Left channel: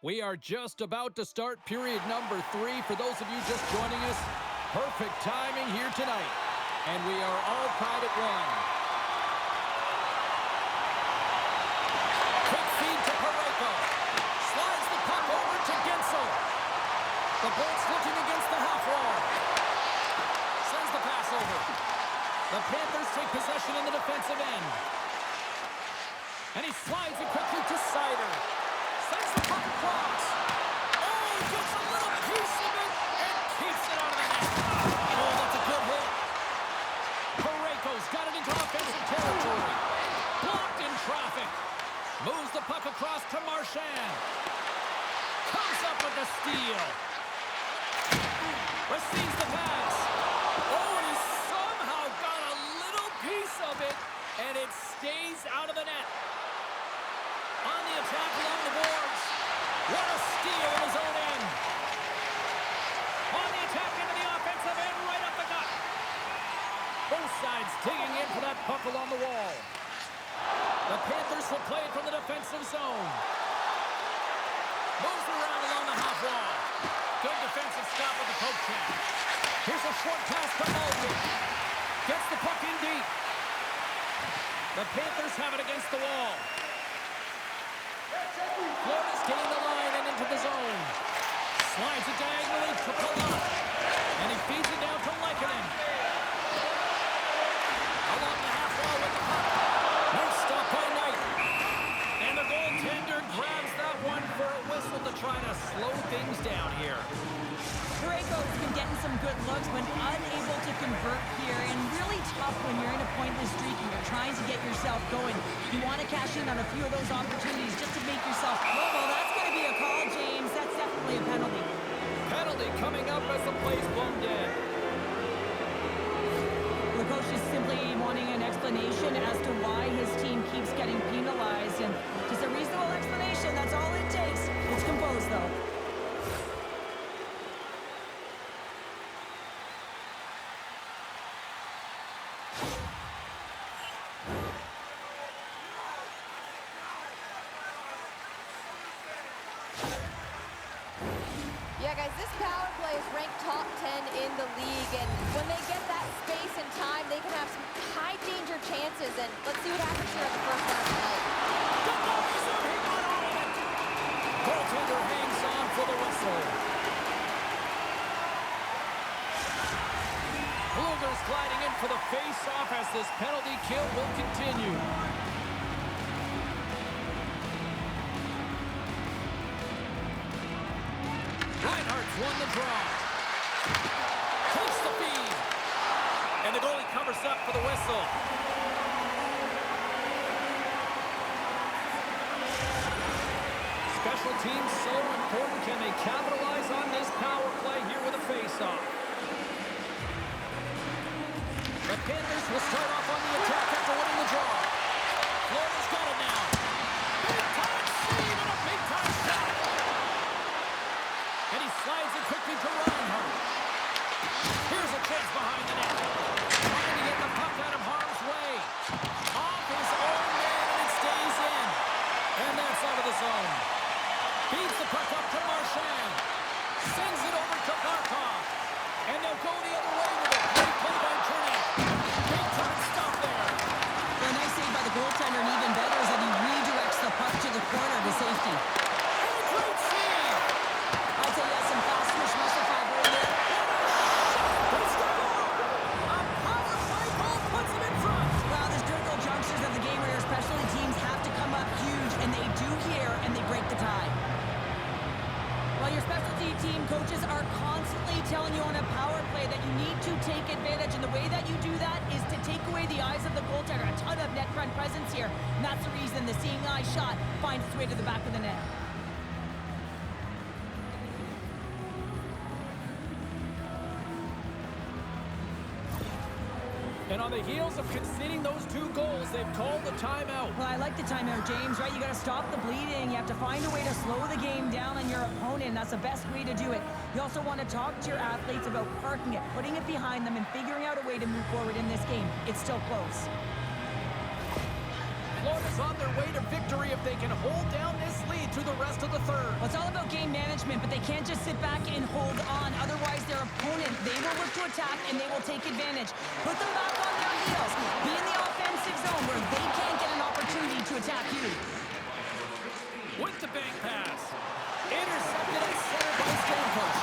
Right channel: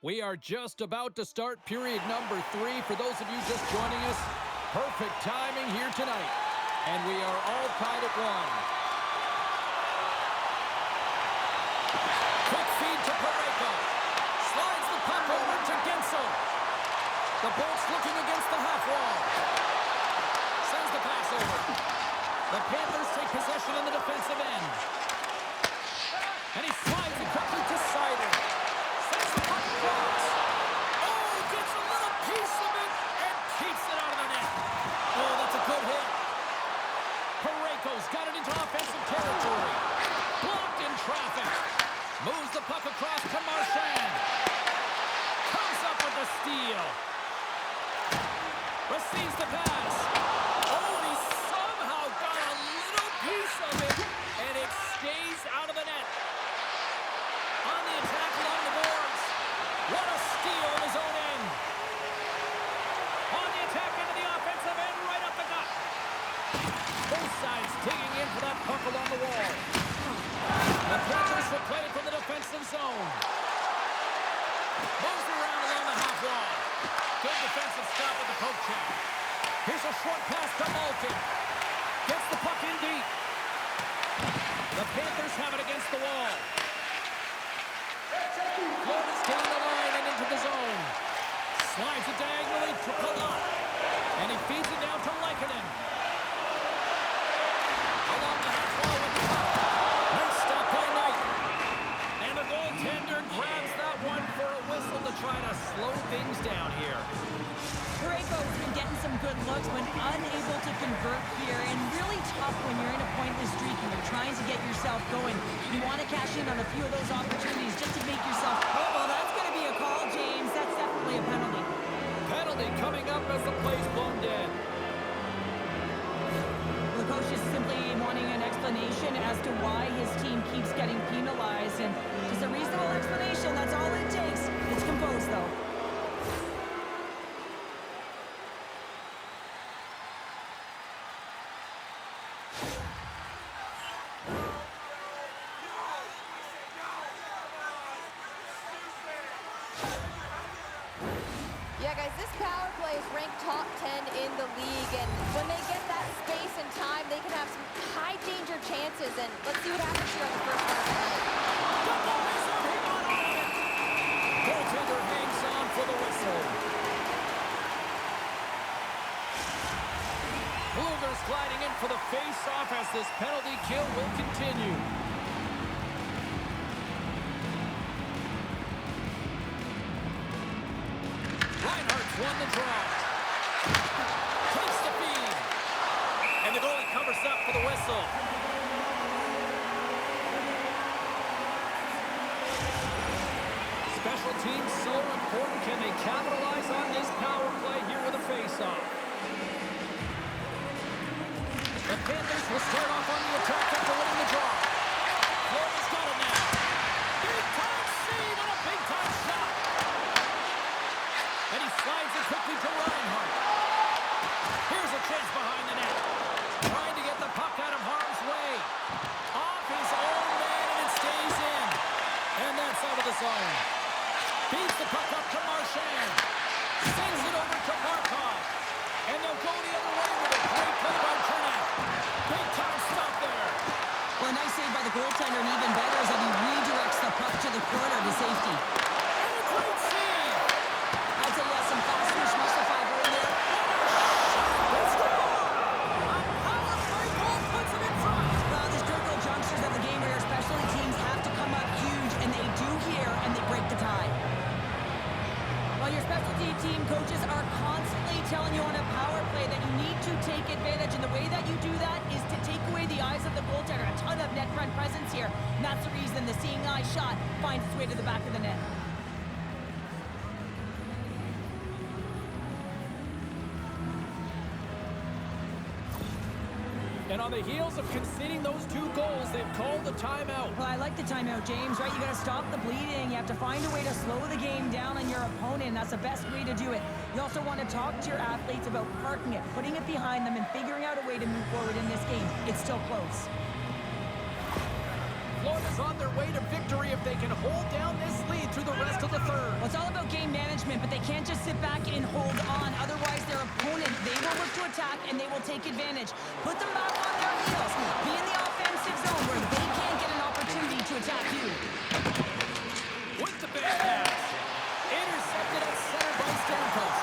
We are just about to start period number 3. For those of you just joining us, perfect timing here tonight. And we are all tied at 1. Quick feed to Parayko. Slides the puck over to Gensel. The Bolts looking against the half wall. Sends the pass over. The Panthers take possession in the defensive end. And he slides it quickly to Sider. Sends the puck across. Oh, gets a little piece of it and keeps it out of the net. Oh, that's a good hit. Parayko's got it into offensive territory. Blocked in traffic. Moves the puck across to Marchand. Comes up with the steal. Receives the pass. Oh, and he somehow got a little piece of it, and it stays out of the net. On the attack along the boards. What a steal in his own end. On the attack into the offensive end, right up the gut. Both sides digging in for that puck along the wall. The Panthers will play it from the defensive zone. Moves around along the half wall. Good defensive stop with the poke check. Here's a short pass to Malkin. Gets the puck in deep. The Panthers have it against the wall. Florida's getting the line and into the zone. Slides it diagonally to Palat. And he feeds it down to Lehkonen. Along the half wall with the puck. Nice stop by Knight. And the goaltender grabs that one for a whistle to try to slow things down here. Parayko's been getting some good looks, but unable to convert here, and really tough when you're in a pointless streak and you're trying to get yourself going. You want to cash in on a few of those opportunities just to make yourself... Oh, well, that's going to be a call, James. That's definitely a penalty. Penalty coming up as the play's blown dead. The coach is simply wanting an explanation as to why his team keeps getting penalized, and just a reasonable explanation, that's all it takes. It's composed, though. Yeah, guys, this power play is ranked top 10 in the league, and when they get that space and time, they can have some high-danger chances, and let's see what happens here on the first round tonight. Good ball, he's up, he got all of it! Goaltender hangs on for the whistle. Blueger's gliding in for the face-off as this penalty kill will continue. Reinhardt's won the draw. Takes the feed. And the goalie covers up for the whistle. Special teams so important. Can they capitalize on this power play here with a face-off? The Panthers will start off on the attack after winning the draw. Florida's got it now. Big-time save and a big-time shot. And he slides it quickly to Reinhardt. Here's a chance behind the net. Trying to get the puck out of harm's way. Off his own man, and it stays in. And that's out of the zone. Feeds the puck up to Marchand. Sends it over to Barkov. And they'll go the other way with it. Great play by Chernak. Big time stop there. Well, a nice save by the goaltender, and even better is that he redirects the puck to the corner to safety. And a great save. I'd say he has some fast twitch muscle fiber in there. They score! A power play goal puts them in front. Well, there's critical junctures of the game where your specialty teams have to come up huge, and they do here, and they break the tie. Well, your specialty team coaches are constantly telling you on a power play that you need to take advantage, and the way that you do that is to take away the eyes of the goaltender. A ton of net front presence here, and that's the reason the seeing eye shot finds its way to the back of the net. And on the heels of conceding those 2 goals, they've called the timeout. Well, I like the timeout, James, right? You got to stop the bleeding. You have to find a way to slow the game down on your opponent. That's the best way to do it. You also want to talk to your athletes about parking it, putting it behind them, and figuring out a way to move forward in this game. It's still close. Florida's on their way to victory if they can hold down this lead through the rest of the third. Well, it's all about game management, but they can't just sit back and hold on. Otherwise, their opponent, they will look to attack, and they will take advantage. Put them back on their heels. Be in the offensive zone where they can't get an opportunity to attack you. With the back pass. Intercepted at center by Stamkos.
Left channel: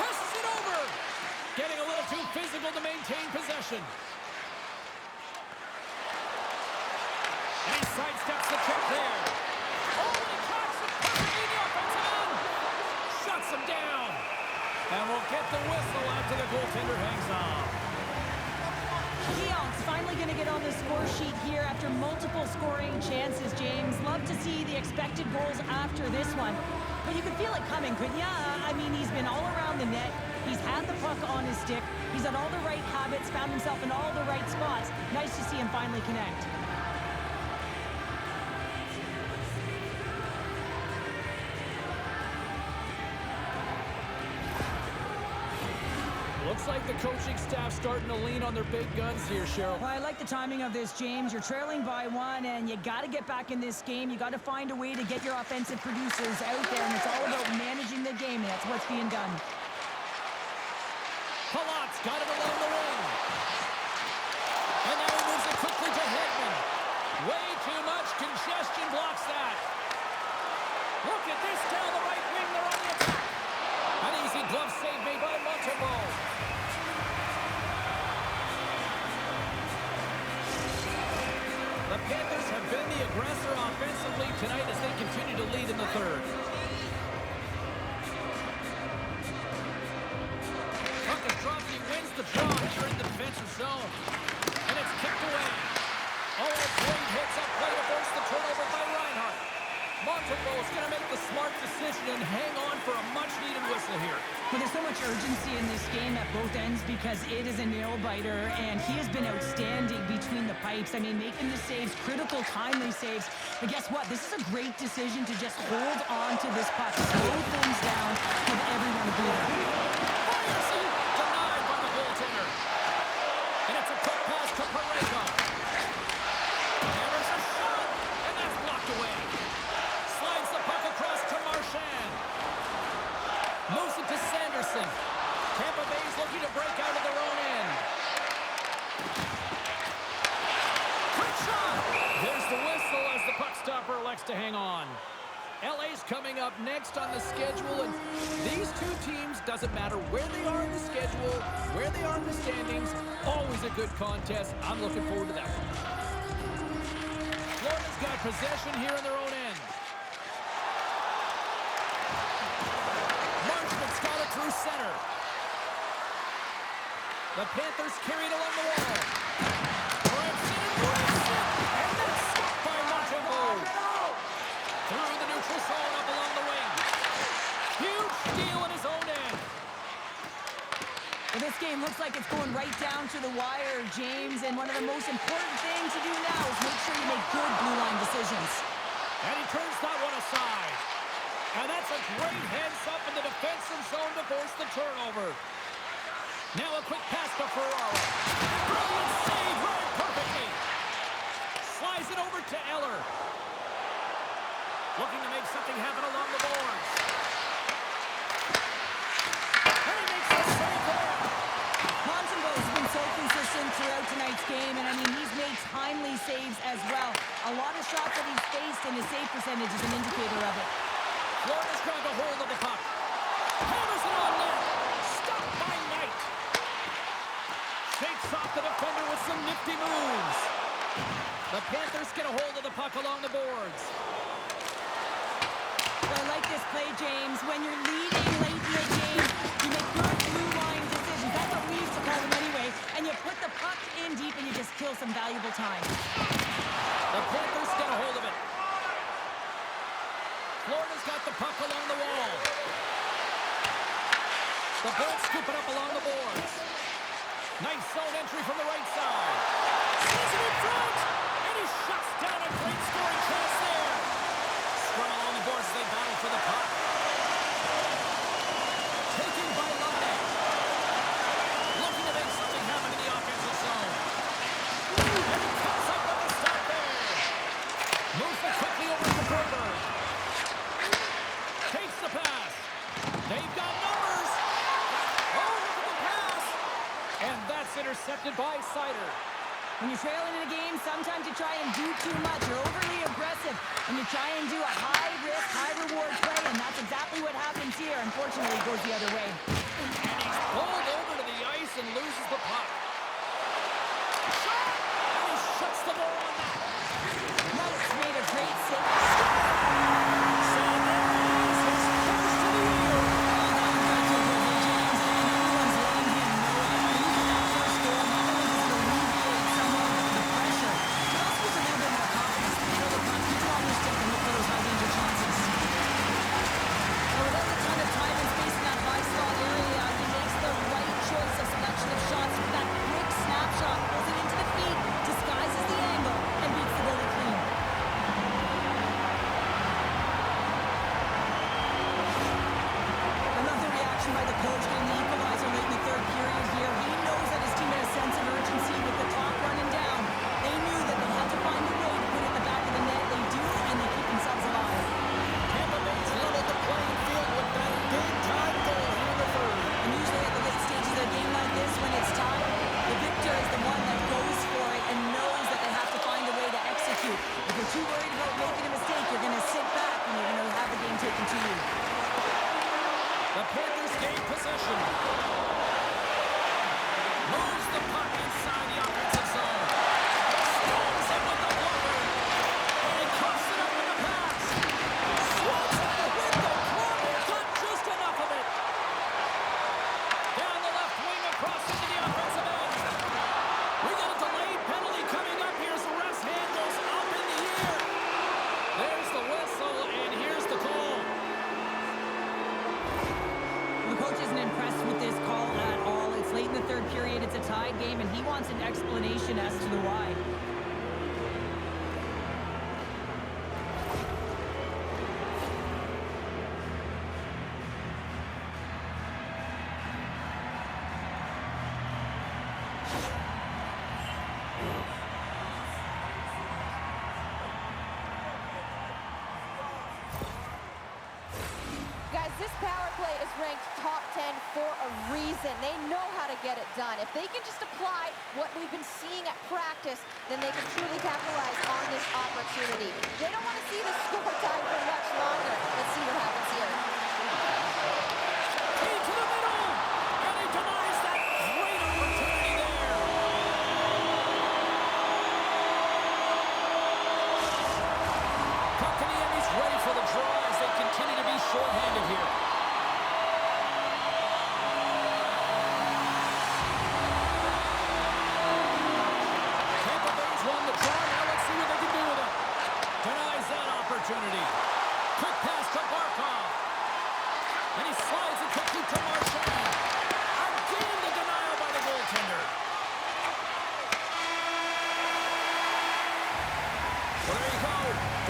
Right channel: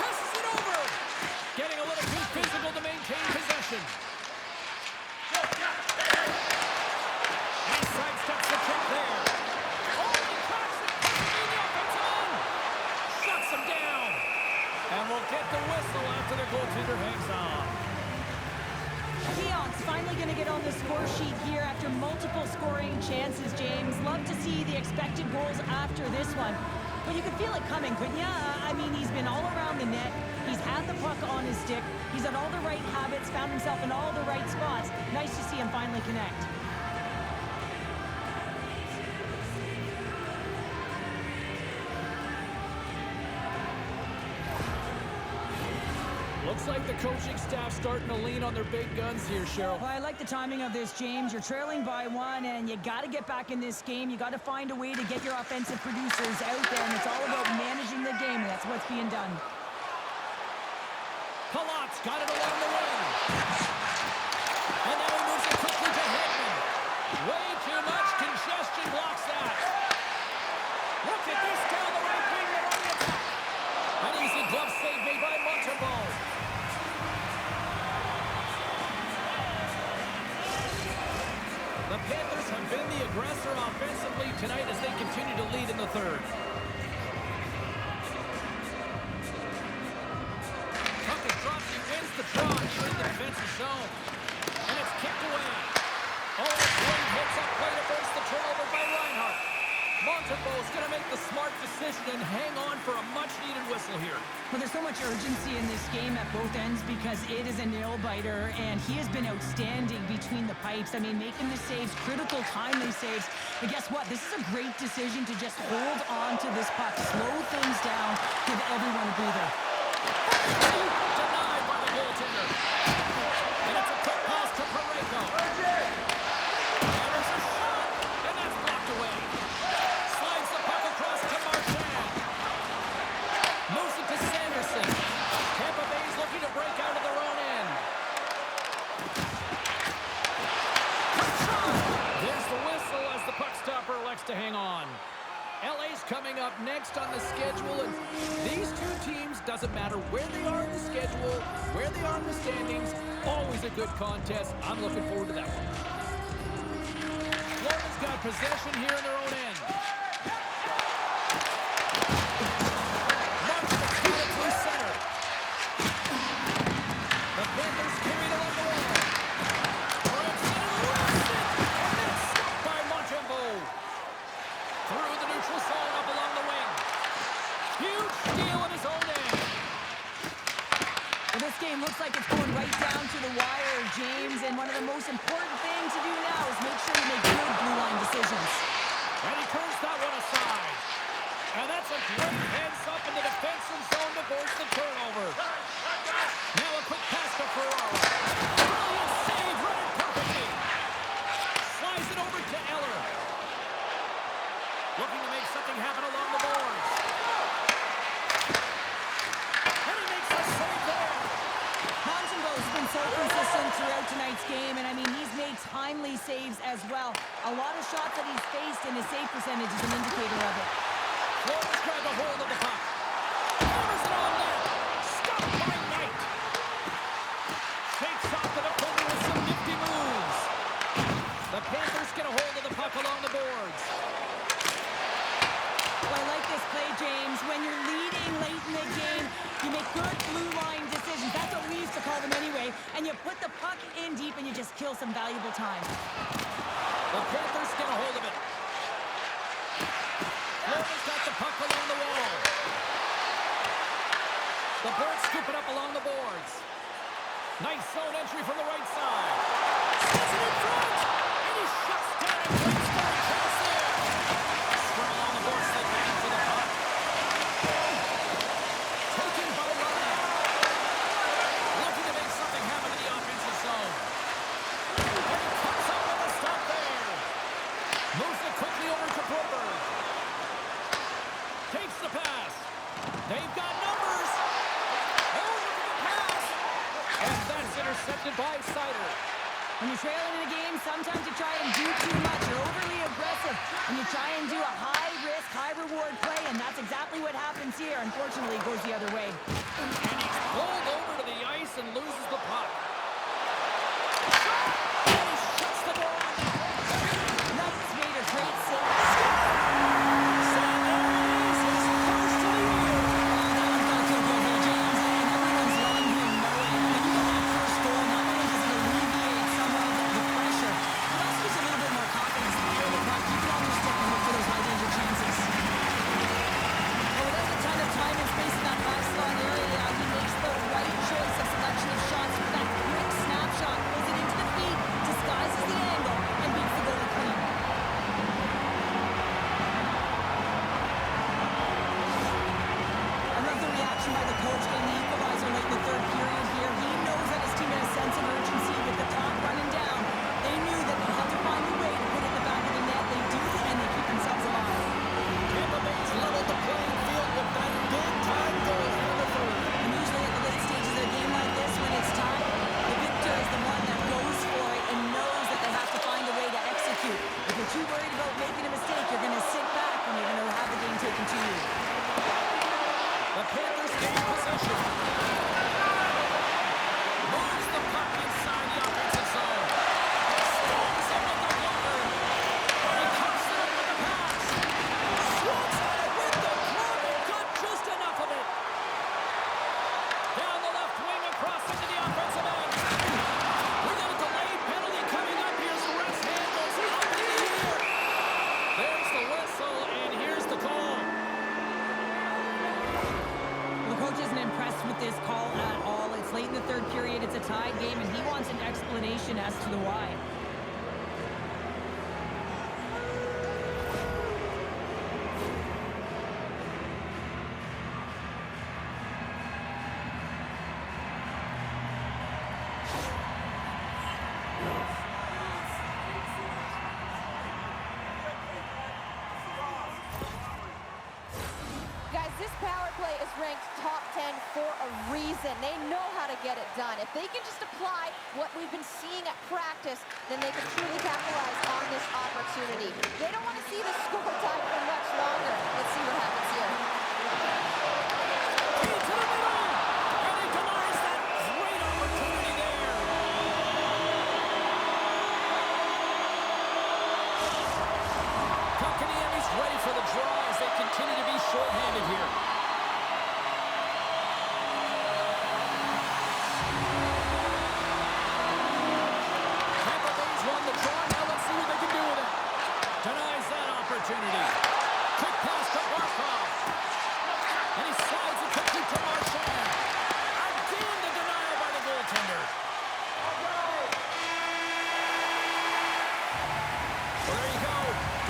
Passes it over. Getting a little too physical to maintain possession. And he sidesteps the check there. Oh, and he cracks it perfectly in the offensive end. Shuts him down. And we'll get the whistle after the goaltender hangs on. Keon's finally going to get on the score sheet here after multiple scoring chances, James. Love to see the expected goals after this one. But you could feel it coming, couldn't you? I mean, he's been all around the net. He's had the puck on his stick. He's had all the right habits, found himself in all the right spots. Nice to see him finally connect. Looks like the coaching staff starting to lean on their big guns here, Cheryl. Well, I like the timing of this, James. You're trailing by one, and you got to get back in this game. You got to find a way to get your offensive producers out there, and it's all about managing the game, and that's what's being done. Palat's got it along the wing. And now he moves it quickly to Hedman. Way too much congestion blocks that. Look at this down the right wing. They're on the attack. An easy glove save made by Montembeault. The Panthers have been the aggressor offensively tonight as they continue to lead in the third. Puck is dropped. He wins the draw here in the defensive zone. And it's kicked away. Oh, and it's Wade hits up play to force the turnover by Reinhart. Montembeault's going to make the smart decision and hang on for a much-needed whistle here. Well, there's so much urgency in this game at both ends because it is a nail-biter, and he has been outstanding between the pipes. I mean, making the saves, critical, timely saves. But guess what? This is a great decision to just hold on to this puck, slow things down, give everyone a breather. Denied by the goaltender. And it's a quick pass to Parayko. And there's a shot, and that's blocked away. Slides the puck across to Marchand. Moves it to Sanderson. Tampa Bay's looking to break out of their own end. Quick shot. There's the whistle as the puck stopper elects to hang on. LA's coming up next on the schedule, and these two teams, doesn't matter where they are in the schedule, where they are in the standings, always a good contest. I'm looking forward to that one. Florida's got possession here in their own end. Marchment's got it through center. The Panthers carried along the wall. Crimson and lifts it, and then stopped by Montembeault. Through the neutral zone up along the wing. Huge steal in his own end. Well, this game looks like it's going right down to the wire, James, and one of the most important things to do now is make sure you make good blue line decisions. And he turns that one aside. And that's a great heads up in the defensive zone to force the turnover. Now a quick pass to Ferraro. Brilliant save, read it perfectly. Slides it over to Eller. Looking to make something happen along the boards. And he makes the save there. Montembeault's been so consistent throughout tonight's game, and I mean, he's made timely saves as well. A lot of shots that he's faced, and his save percentage is an indicator of it. Florida's grabbed a hold of the puck. Hammers it on net. Stopped by Knight. Shakes off the defender with some nifty moves. The Panthers get a hold of the puck along the boards. Well, I like this play, James. When you're leading late in the game, you make good blue line decisions. That's what we used to call them anyway. And you put the puck in deep and you just kill some valuable time. The Panthers get a hold of it. Florida's got the puck along the wall. The Bolts scoop it up along the boards. Nice zone entry from the right side. Sends it in front. And he shuts down a great scoring chance there. Scrum along the boards, they battle for the puck. Taken by Laine. Looking to make something happen in the offensive zone. And that's intercepted by Sider. When you're trailing in a game, sometimes you try and do too much. You're overly aggressive, and you try and do a high-risk, high-reward play, and that's exactly what happens here. Unfortunately, it goes the other way. And he's pulled over to the ice and loses the puck. Shot! And he shuts the door on that. Knight's made a great save. So there is his first of the year. Oh, that one's gonna feel good, hey, James, and everyone's letting him know it. When you get that first goal, not only does it alleviate some of the pressure, but also gives a little bit more confidence. Handle the puck, keep it on your stick, and look for those high-danger chances. Well, without a ton of time and space in that high-slot area, he makes the right choice of selection of shots with that quick snapshot, pulls it into the feet, disguises the angle, and beats the goalie clean. I love the reaction by the coach getting the equalizer late in the third period here. He knows that his team had a sense of urgency with the clock running down. They knew that they had to find a way to put it in the back of the net. They do, and they keep themselves alive. Tampa Bay's leveled the playing field with that big-time goal here in the third. And usually at the late stages of a game like this, when it's tied, the victor is the one that goes for it and knows that they have to find a way to execute. If you're too worried about making a mistake, you're going to sit back and you're going to have the game taken to you. The Panthers gain possession. Moves the puck inside the offensive zone. Stones him with the blocker. And he cuffs it up with the pass. Swats it with the club and got just enough of it. Down the left wing across into the offensive end. We got a delayed penalty coming up here as the ref's hand goes up in the air. There's the whistle, and here's the call. The coach isn't impressed with this call at all. It's late in the third period. It's a tied game, and he wants an explanation as to the why. Guys, this power play is ranked top 10 for a reason. They know how to get it done. If they can just apply what we've been seeing at practice, then they can truly capitalize on this opportunity. They don't want to see the score tied for much longer. Let's see what happens here. Into the middle, and he denies that great opportunity there. Kotkaniemi's ready for the draw as they continue to be shorthanded here. Tampa Bay's won the draw. Now let's see what they can do with it. Denies that opportunity. Quick pass to Barkov. And he slides it quickly to Marchand. Again, the denial by the goaltender. Well, there you go.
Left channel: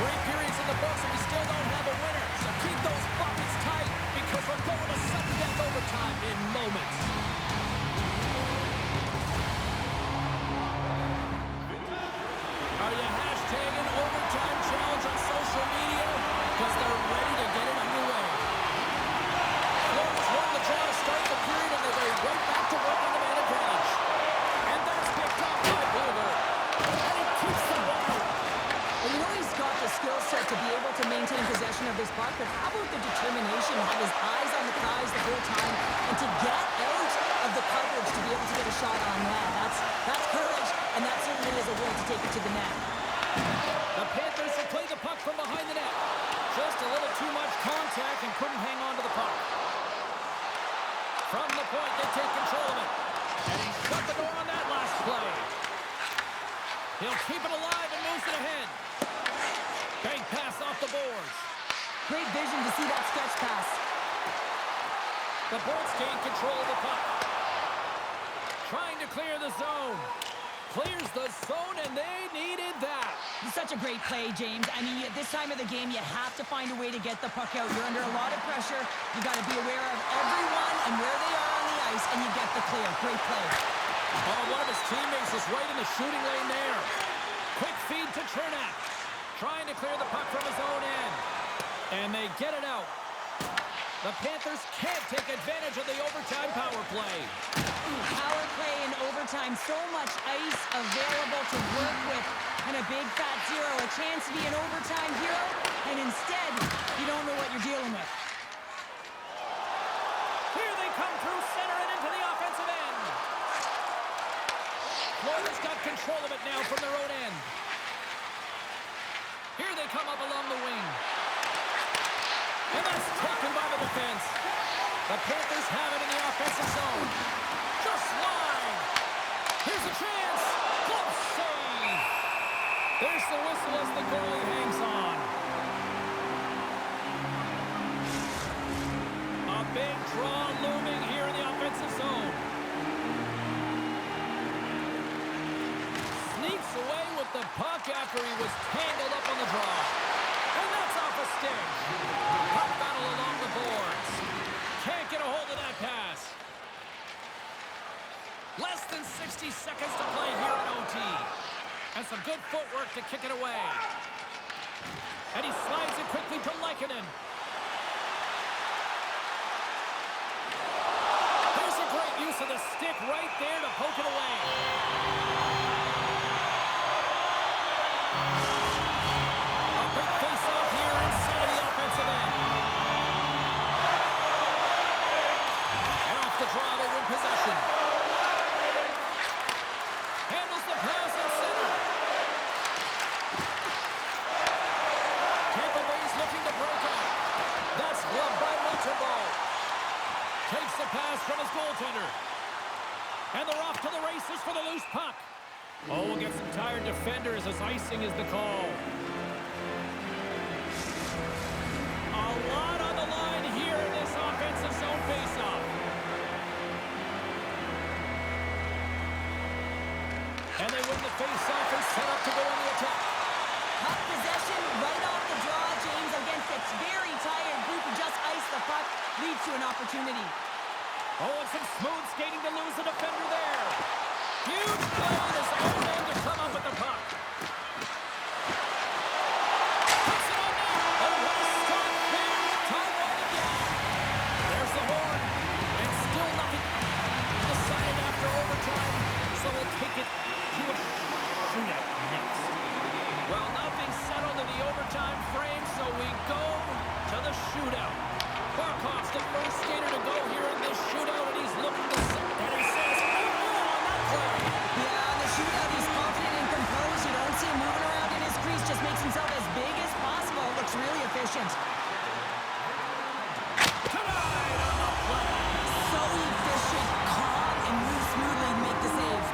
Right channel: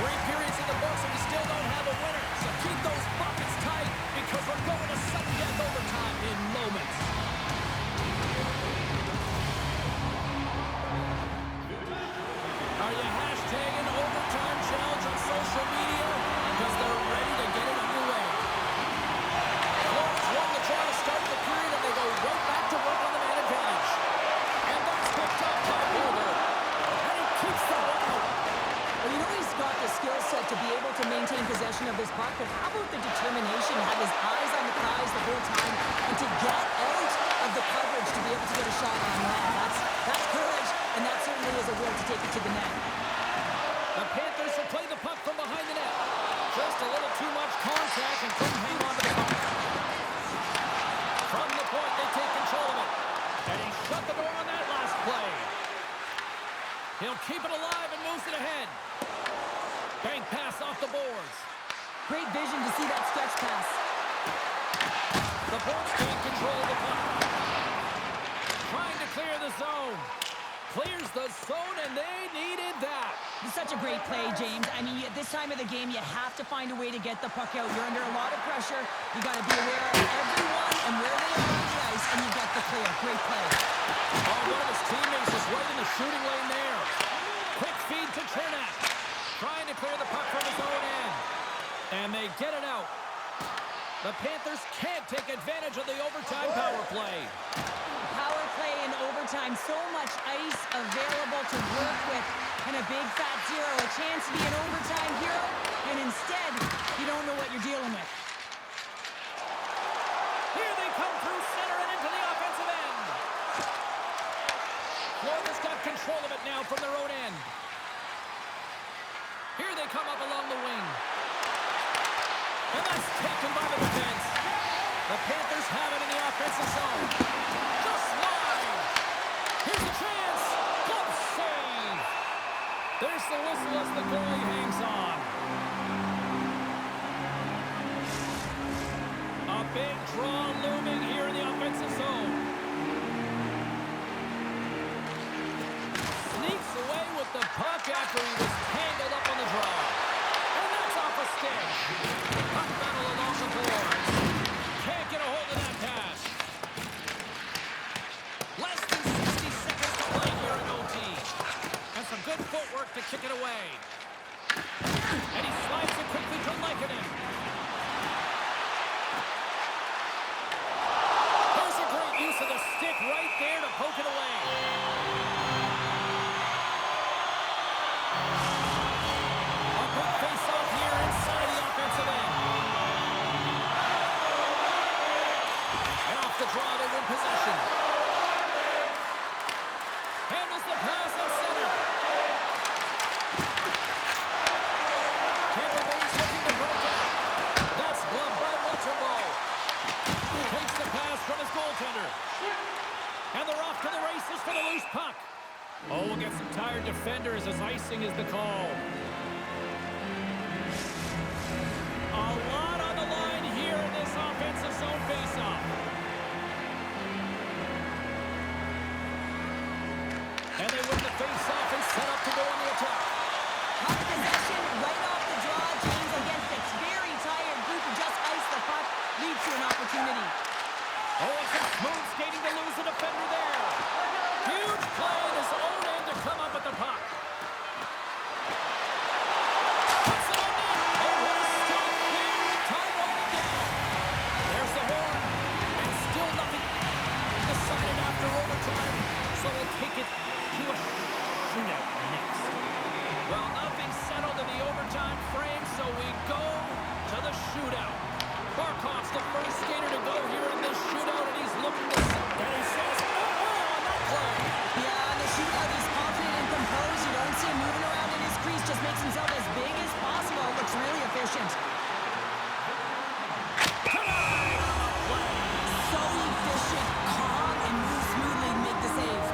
3 periods in the books, and we still don't have a winner. So keep those buckets tight because we're going to sudden death overtime in moments. Are you hashtagging overtime challenge on social media? Because they're ready to get it underway. Florida's won the draw to start the period, and they go right back to work on the man advantage. And that's picked up by Boulder. And he keeps the one out. Well, you know he's got the skill set to be able to maintain possession of this puck, but how about the determination, have his eyes on the prize the whole time, and to get out of the coverage to be able to get a shot on net. That's courage, and that certainly is a will to take it to the net. The Panthers will play the puck from behind the net. Just a little too much contact and couldn't hang on to the puck. From the point, they take control of it. And he shut the door on that last play. He'll keep it alive and moves it ahead. Bank pass off the boards. Great vision to see that stretch pass. The Bolts gain control of the puck. Trying to clear the zone. Clears the zone, and they needed that. It's such a great play, James. I mean, at this time of the game, you have to find a way to get the puck out. You're under a lot of pressure. You got to be aware of everyone and where they are on the ice, and you get the clear. Great play. Oh, one of his teammates was right in the shooting lane there. Quick feed to Chernak. Trying to clear the puck from his own end. And they get it out. The Panthers can't take advantage of the overtime power play. Power play in overtime. So much ice available to work with. And a big fat zero. A chance to be an overtime hero. And instead, you don't know what you're dealing with. Here they come through center and into the offensive end. Florida's got control of it now from their own end. Here they come up along the wing. And that's taken by the defense. The Panthers have it in the offensive zone. Just wide. Here's a chance. Close save. There's the whistle as the goalie hangs on. A big draw looming here in the offensive zone. Sneaks away with the puck after he was tangled up on the draw. And that's off a stick. Puck battle along the boards. Can't get a hold of that pass. Less than 60 seconds to play here in OT. And some good footwork to kick it away. And he slides it quickly to Lehkonen. There's a great use of the stick right there to poke it away. A big face-off here inside of the offensive end. And off the draw, they win possession. Handles the pass at center. Tampa Bay's looking to break out. That's gloved by Montembeault. Takes the pass from his goaltender. And they're off to the races for the loose puck. Oh, we'll get some tired defenders as icing is the call. A lot on the line here in this offensive zone faceoff. And they win the faceoff and set up to go on the attack. Hot possession right off the draw. James against a very tired group who just iced the puck leads to an opportunity. Oh, and some smooth skating to lose the defender there. Huge play in his own end to come up with the puck. Puts it on net. Oh, what a stop there. Time winding down. There's the horn. And still nothing decided after overtime. So we'll take it to a shootout next. Well, nothing settled in the overtime frame, so we go to the shootout. Barkov's the first skater to go here in this shootout, and he's looking to... And he says, on that play. Yeah, on the shootout, he's confident and composed. You don't see him moving around in his crease. Just makes himself as big as possible. Looks really efficient. Tonight on the play. So efficient, calm, and moves smoothly to make the save.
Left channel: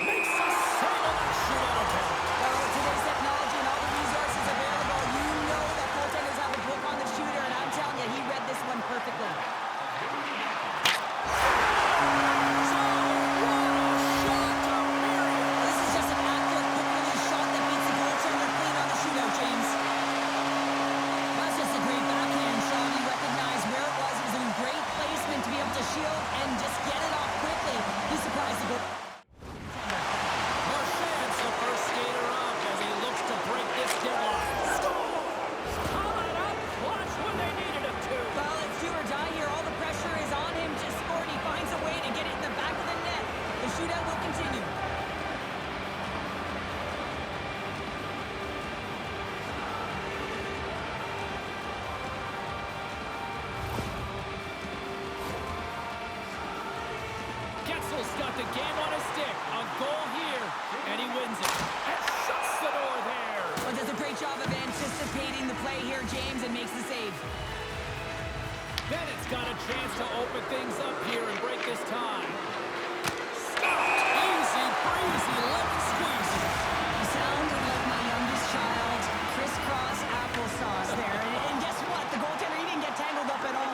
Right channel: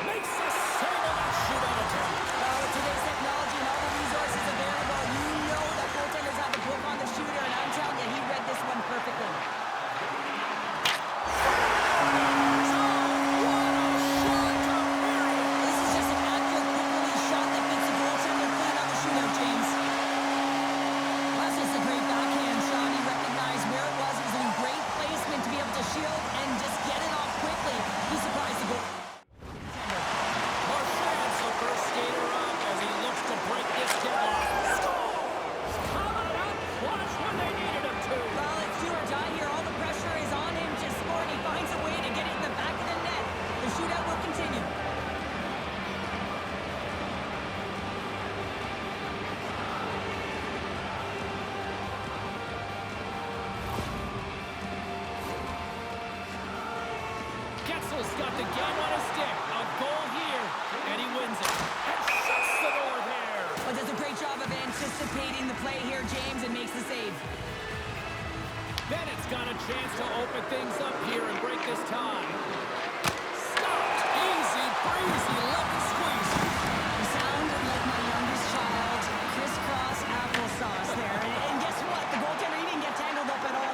Makes a save on that shootout attempt. Well, with today's technology and all the resources available, you know that goaltenders have a book on the shooter, and I'm telling you, he read this one perfectly. This is just an accurate, quick-release shot that beats the goaltender clean on the shootout, James. That's just a great backhand shot. He recognized where it was. It was in a great placement to be able to shield and just get it off quickly. He surprised the goaltender. Marchand's the first skater up as he looks to break this deadlock. Scores! Coming up clutch when they needed him to. Well, it's do or die here. All the pressure is on him to score, and he finds a way to get it in the back of the net. The shootout will continue. Getzel's got the game on his stick. A goal here, and he wins it. And shuts the door there. Well, does a great job of anticipating the play here, James, and makes the save. Bennett's got a chance to open things up here and break this tie. Stopped. Easy, breezy, lemon squeezy. You sound like my youngest child. Crisscross applesauce there. And guess what? The goaltender, he didn't get tangled up at all.